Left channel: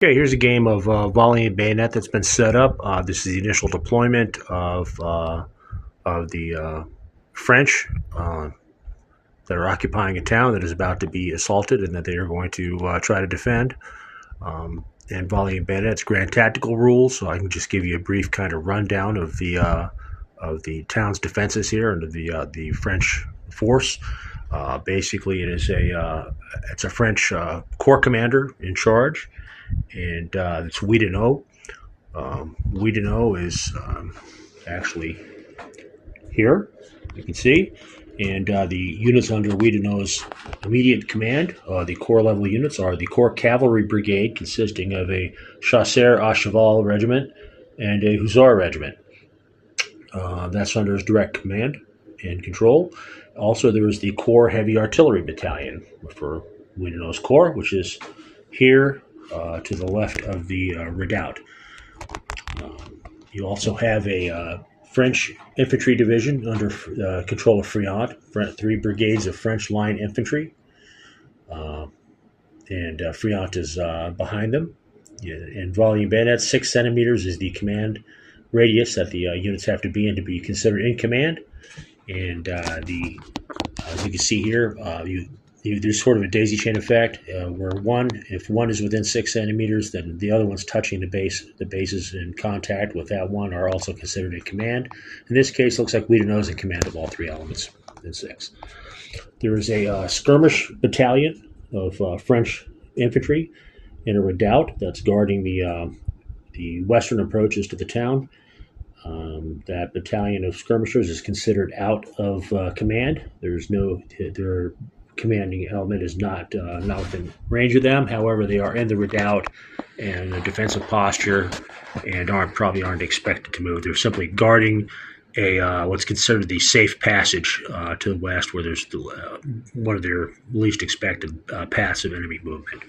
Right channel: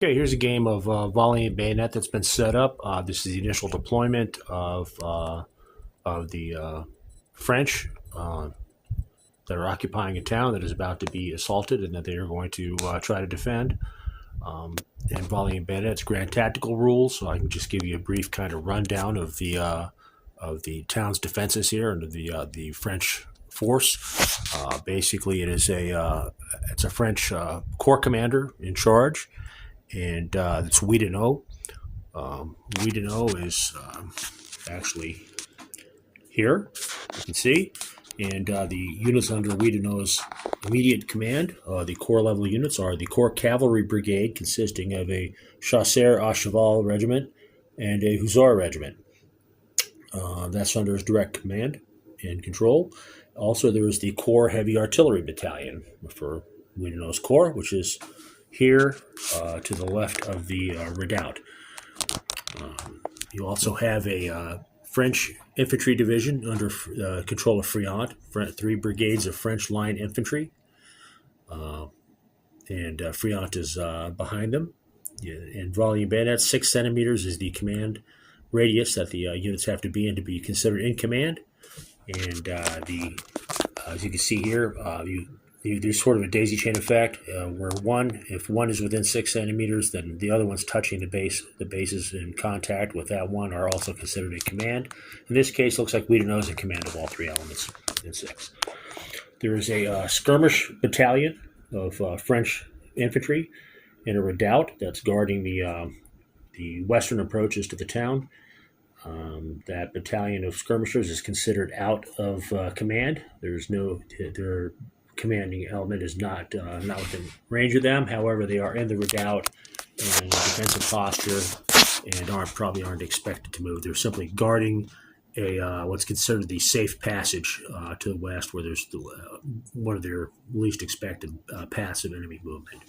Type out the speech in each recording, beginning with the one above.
Okay, here's a game of Volley and Bayonet that's been set up. This is the initial deployment of the French that are occupying a town that is about to be assaulted and that they are going to try to defend. And Volley and Bayonet's grand tactical rules, so I can just give you a brief kind of rundown of the town's defenses here under the French force. Basically, it's a French corps commander in charge, and it's Oudinot. Oudinot is actually here, you can see, and the units under Oudinot's immediate command, the corps level units, are the Corps Cavalry Brigade, consisting of a Chasseurs à Cheval regiment and a Hussar regiment. That's under his direct command and control. Also, there is the Corps Heavy Artillery Battalion for Oudinot's corps, which is here to the left of the redoubt. You also have a French infantry division under control of Friant, 3 brigades of French line infantry, and Friant is behind them. In Volley and Bayonet, 6 centimeters is the command radius that the units have to be in to be considered in command. And as you can see here, there's sort of a daisy chain effect where if one is within 6 centimeters, then the other one's touching the base. The bases in contact with that one are also considered in command. In this case, it looks like Oudinot is in command of all 3 elements in 6. There is a skirmish battalion of French infantry in a redoubt that's guarding the western approaches to the town. That battalion of skirmishers is considered out of command. Their commanding element is not within range of them. However, they are in the redoubt and in a defensive posture and probably aren't expected to move. They're simply guarding what's considered the safe passage to the west, where there's one of their least expected passive enemy movement.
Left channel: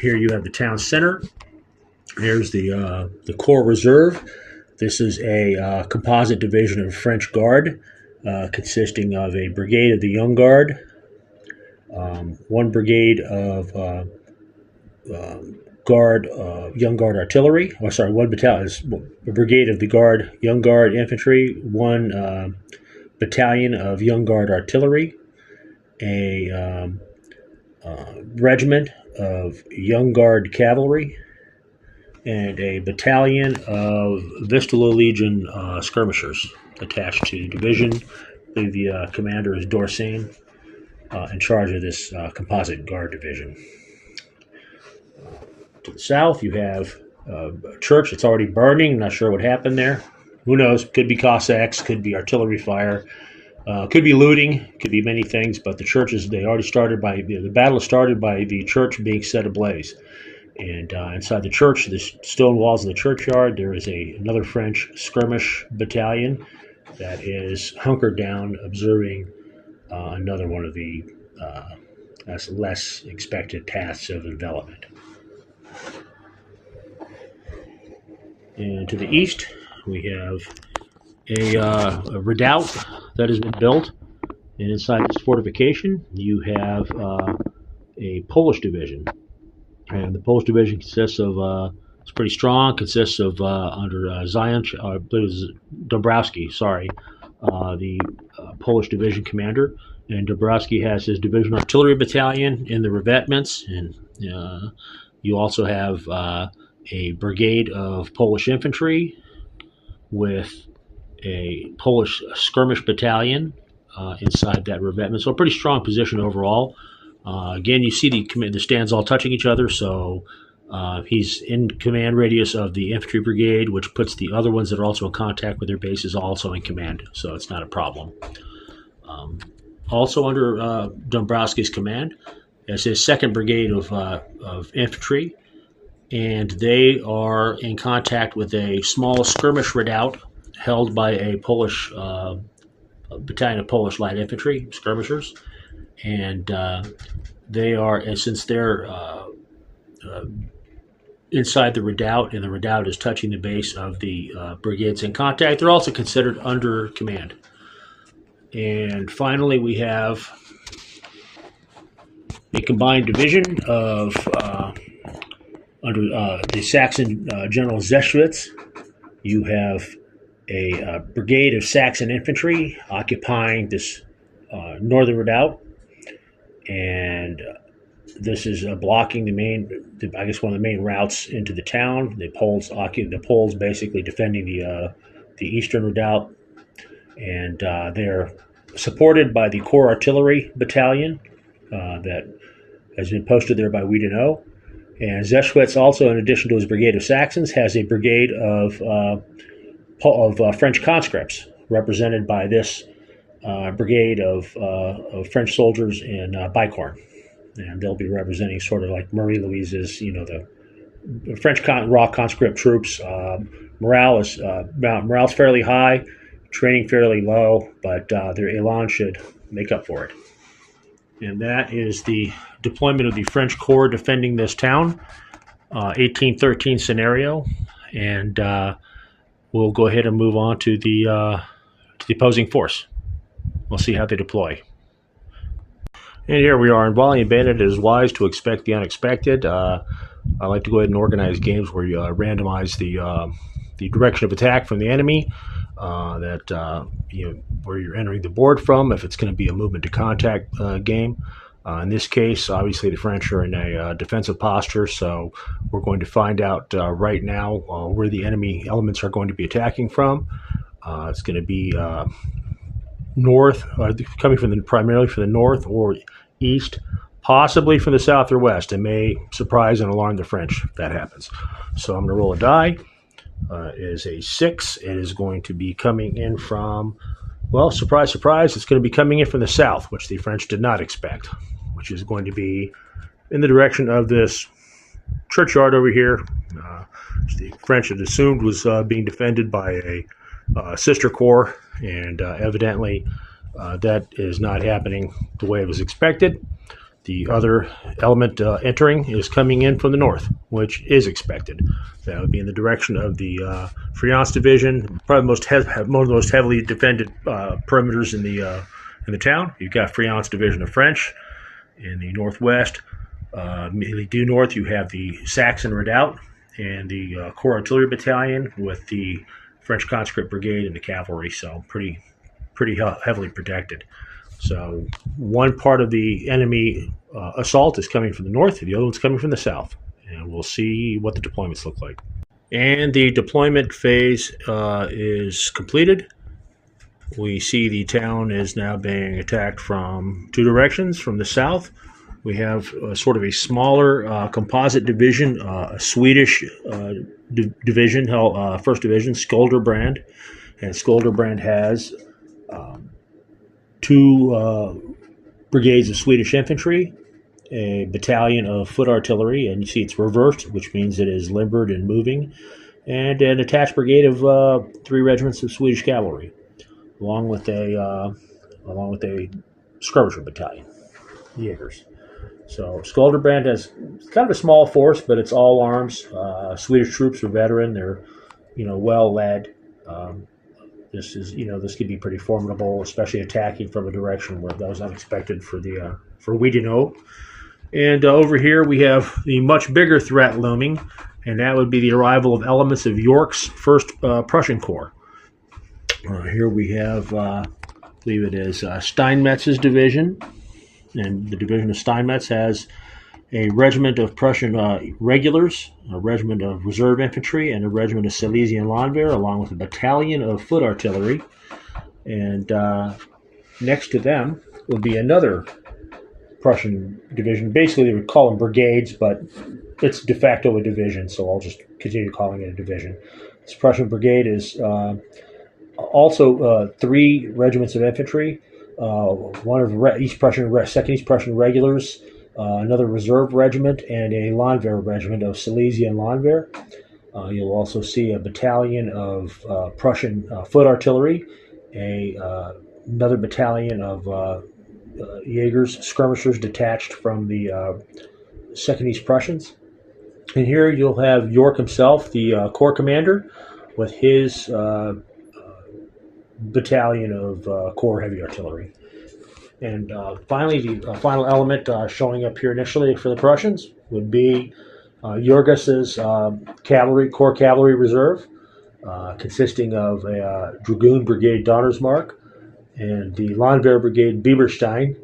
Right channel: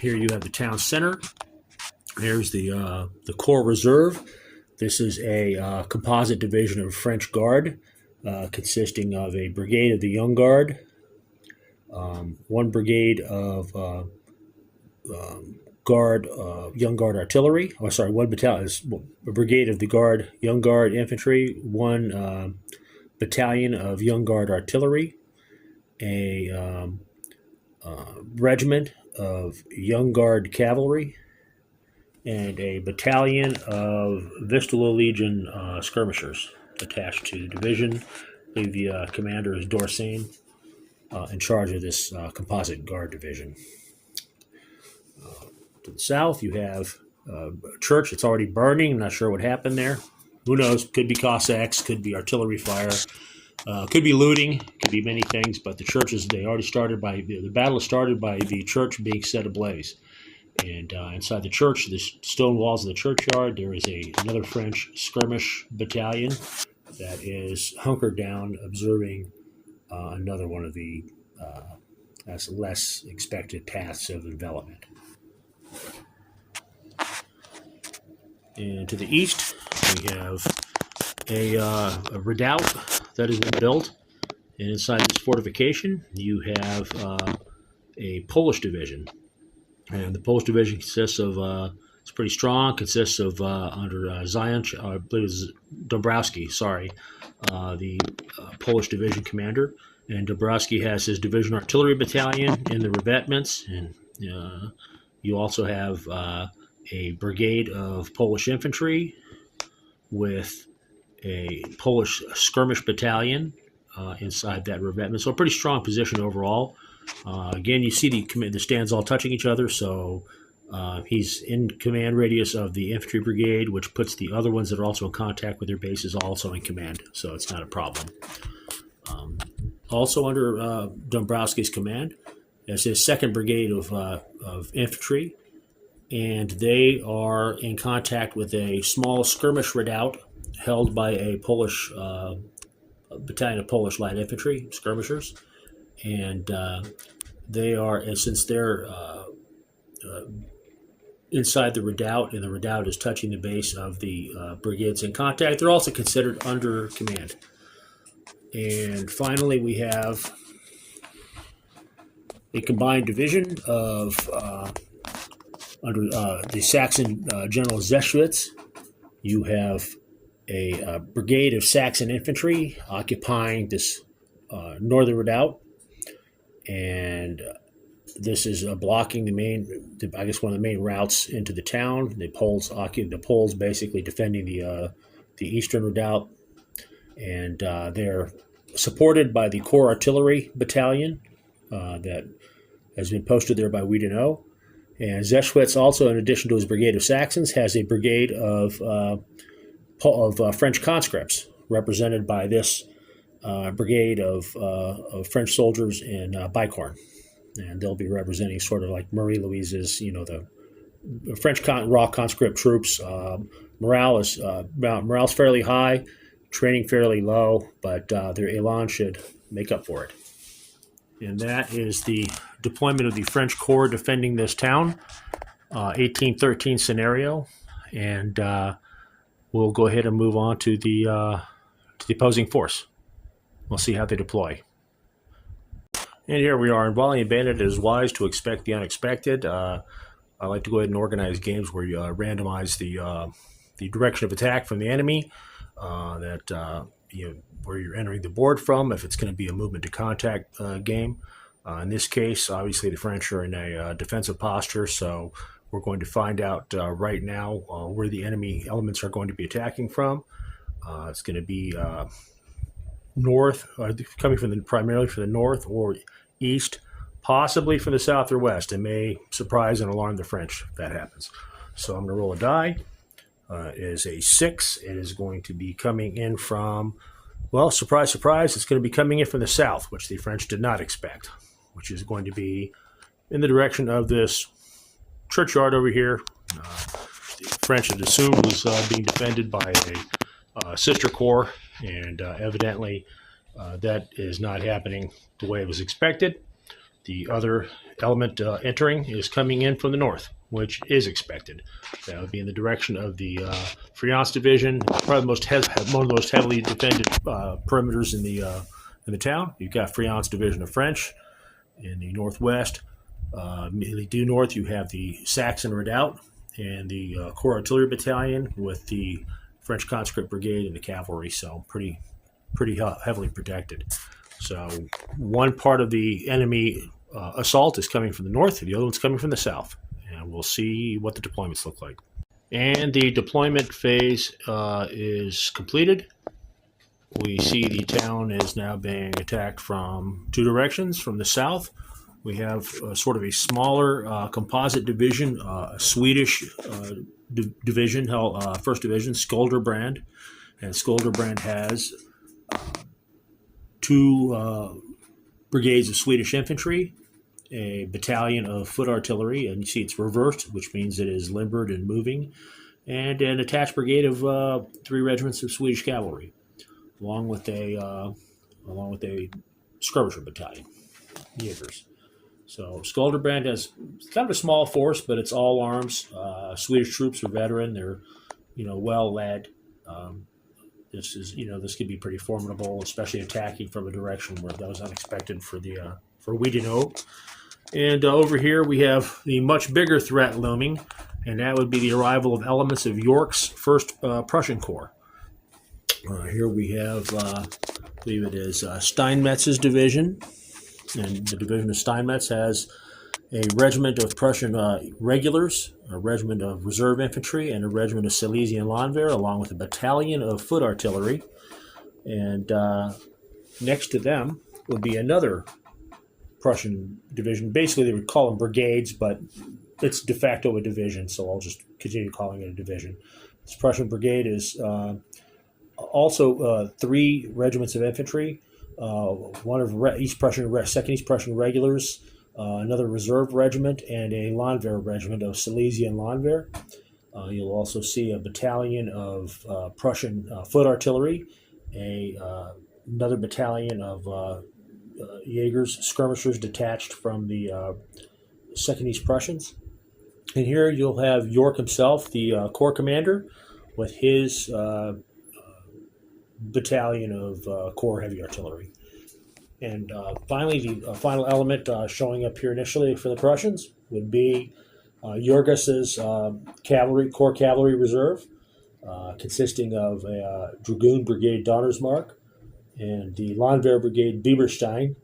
Here you have the town center. Here's the Corps Reserve. This is a composite division of French Guard, consisting of a brigade of the Young Guard, 1 brigade of Young Guard Artillery. One battalion is a brigade of the Guard, Young Guard Infantry, 1 battalion of Young Guard Artillery, a regiment of Young Guard Cavalry, and a battalion of Vistula Legion skirmishers attached to the division. The commander is Dorsain, in charge of this composite guard division. To the south, you have a church that's already burning. Not sure what happened there. Who knows? Could be Cossacks, could be artillery fire, could be looting, could be many things. But the battle started by the church being set ablaze. And inside the church, the stone walls of the churchyard, there is another French skirmish battalion that is hunkered down, observing another one of the less expected paths of envelopment. And to the east, we have a redoubt that has been built. And inside this fortification, you have a Polish division. And the Polish division consists of, it's pretty strong, consists of, under Zając, I believe it was Dąbrowski, the Polish division commander. And Dąbrowski has his division artillery battalion in the revetments. And you also have a brigade of Polish infantry with a Polish skirmish battalion inside that revetment. So a pretty strong position overall. Again, you see the stands all touching each other, so he's in command radius of the infantry brigade, which puts the other ones that are also in contact with their bases also in command, so it's not a problem. Also under Dąbrowski's command is his 2nd brigade of infantry, and they are in contact with a small skirmish redoubt held by a Polish battalion of Polish light infantry skirmishers. And since they're inside the redoubt, and the redoubt is touching the base of the brigades in contact, they're also considered under command. And finally, we have a combined division of Under the Saxon General Zeschwitz, you have a brigade of Saxon infantry occupying this northern redoubt, and this is blocking I guess one of the main routes into the town. The Poles basically defending the eastern redoubt, and they're supported by the Corps Artillery Battalion that has been posted there by Oudinot. And Zeschwitz also, in addition to his brigade of Saxons, has a brigade of French conscripts, represented by this brigade of French soldiers in Bicorn. And they'll be representing sort of like Marie Louise's, the French raw conscript troops. Morale's fairly high, training fairly low, but their elan should make up for it. And that is the deployment of the French Corps defending this town, 1813 scenario. And we'll go ahead and move on to the opposing force. We'll see how they deploy. And here we are in Volley and Bayonet. It is wise to expect the unexpected. I like to go ahead and organize games where you randomize the direction of attack from the enemy, where you're entering the board from, if it's going to be a movement to contact game. In this case, obviously the French are in a defensive posture, so we're going to find out right now where the enemy elements are going to be attacking from. It's going to be north, coming primarily from the north or east, possibly from the south or west. It may surprise and alarm the French if that happens. So I'm going to roll a die. It is a 6. It is going to be coming in from, well, surprise, surprise, it's going to be coming in from the south, which the French did not expect, which is going to be in the direction of this churchyard over here. The French had assumed was being defended by a sister corps, and evidently that is not happening the way it was expected. The other element entering is coming in from the north, which is expected. That would be in the direction of the Friance Division, probably one of the most heavily defended perimeters in the town. You've got Friance Division of French in the northwest. Immediately due north, you have the Saxon Redoubt and the Corps Artillery Battalion with the French Conscript Brigade and the cavalry. So pretty heavily protected. So one part of the enemy assault is coming from the north, the other one's coming from the south. And we'll see what the deployments look like. And the deployment phase is completed. We see the town is now being attacked from two directions. From the south, we have sort of a smaller composite division, a Swedish division, first division, Skolderbrand. And Skolderbrand has two brigades of Swedish infantry, a battalion of foot artillery, and you see it's reversed, which means it is limbered and moving, and an attached brigade of 3 regiments of Swedish cavalry, along with a skirmisher battalion, Jaegers. So Skolderbrand has kind of a small force, but it's all arms. Swedish troops are veteran; they're well led. This could be pretty formidable, especially attacking from a direction where that was unexpected for Oudinot. And over here we have the much bigger threat looming, and that would be the arrival of elements of York's 1st Prussian Corps. Here we have, I believe it is Steinmetz's division, and the division of Steinmetz has a regiment of Prussian regulars, a regiment of reserve infantry, and a regiment of Silesian Landwehr, along with a battalion of foot artillery. And next to them would be another Prussian division. Basically, they would call them brigades, but it's de facto a division, so I'll just continue calling it a division. This Prussian brigade is also 3 regiments of infantry, one of East Prussian, 2nd East Prussian regulars, another reserve regiment, and a Landwehr regiment of Silesian Landwehr. You'll also see a battalion of Prussian foot artillery, another battalion of Jaegers, skirmishers detached from the 2nd East Prussians. And here you'll have York himself, the corps commander, with his battalion of corps heavy artillery. And finally, the final element showing up here initially for the Prussians would be Jurgis's Corps Cavalry Reserve, consisting of a Dragoon Brigade Donnersmarck and the Landwehr Brigade Bieberstein,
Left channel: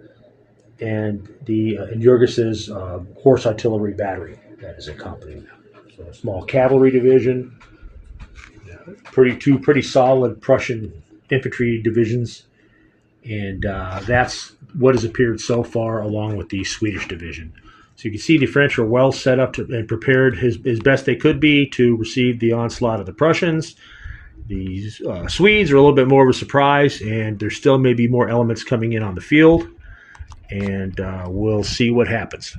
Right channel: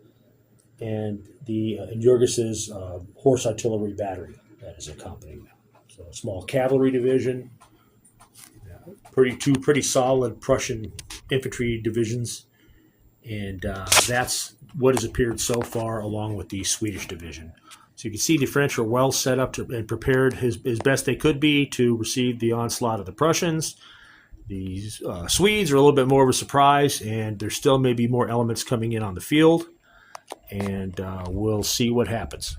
and Jurgis's Horse Artillery Battery that is accompanying them. So a small cavalry division, two pretty solid Prussian infantry divisions, and that's what has appeared so far, along with the Swedish division. So you can see the French are well set up and prepared as best they could be to receive the onslaught of the Prussians. The Swedes are a little bit more of a surprise, and there still may be more elements coming in on the field, and we'll see what happens.